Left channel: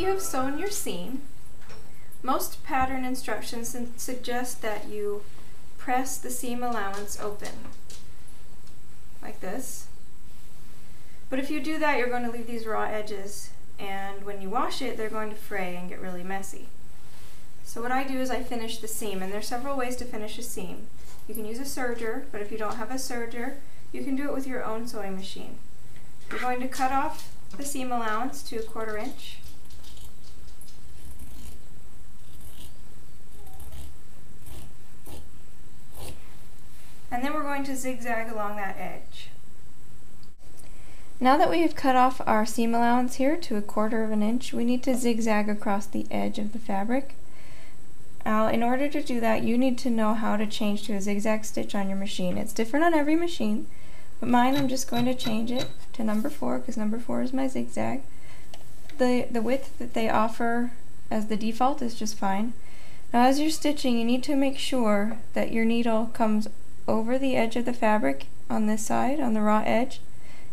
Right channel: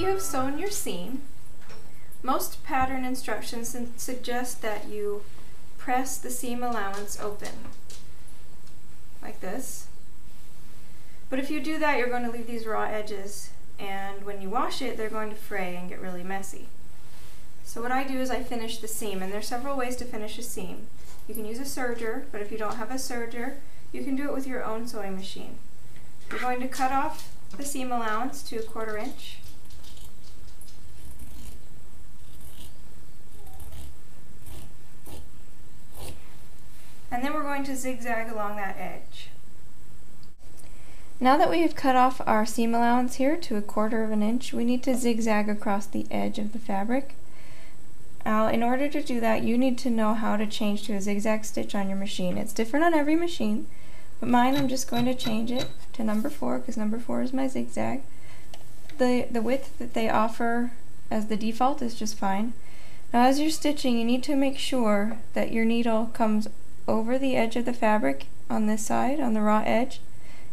you have sewn your seam, most pattern instructions suggest that you press the seam allowance open, like this. But if you do that, you're going to leave these raw edges, and when you wash it, they're going to fray and get really messy. So what I do is I finish the seam, and there's several ways to finish a seam. You can use a serger, but if you don't have a serger, you can do it with your own sewing machine. You're going to cut off the seam allowance to 1/4 inch. And then we're going to zigzag along that edge. Now that we have cut off our seam allowance here to 1/4 inch, we need to zigzag across the edge of the fabric. Now, in order to do that, you need to know how to change to a zigzag stitch on your machine. It's different on every machine, but mine, I'm just going to change it to number 4 because number 4 is my zigzag. The width that they offer as the default is just fine. Now, as you're stitching, you need to make sure that your needle comes over the edge of the fabric on this side, on the raw edge,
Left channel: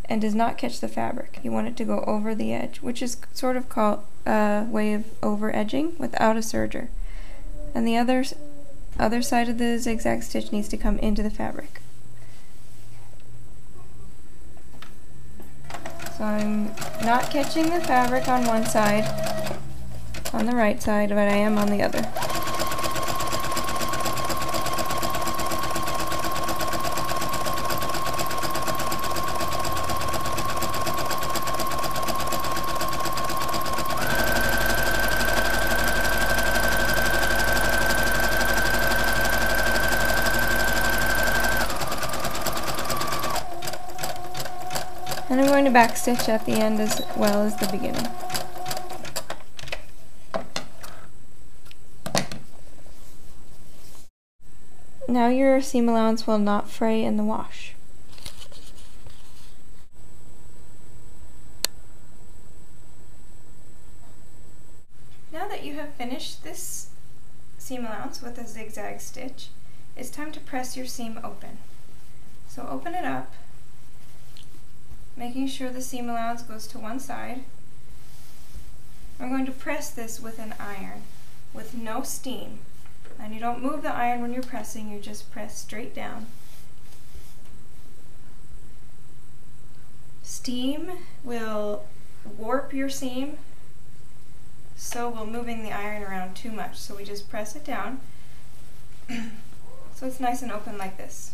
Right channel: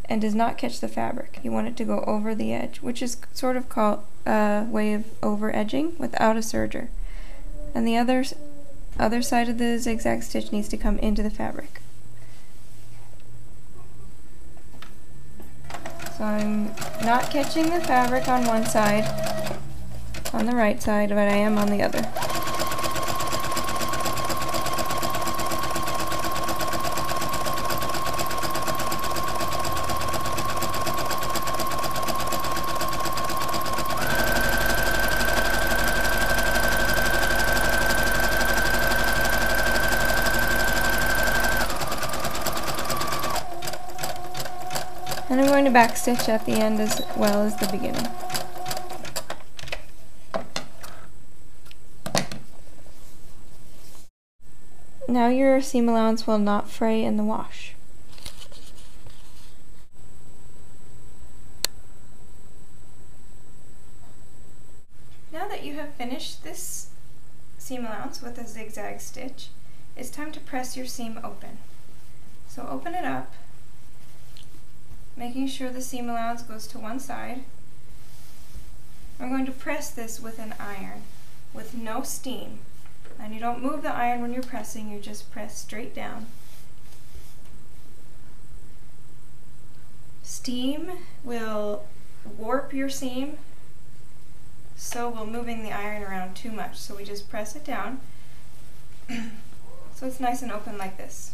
and does not catch the fabric. You want it to go over the edge, which is sort of called a way of over edging without a serger. And the other side of the zigzag stitch needs to come into the fabric. So I'm not catching the fabric on one side, on the right side, but I am on the other. And I'm going to backstitch at the end as well as the beginning. Now your seam allowance will not fray in the wash. Now that you have finished this seam allowance with a zigzag stitch, it's time to press your seam open. So open it up, making sure the seam allowance goes to one side. I'm going to press this with an iron with no steam. And you don't move the iron when you're pressing, you just press straight down. Steam will warp your seam, so will moving the iron around too much. So we just press it down so it's nice and open like this.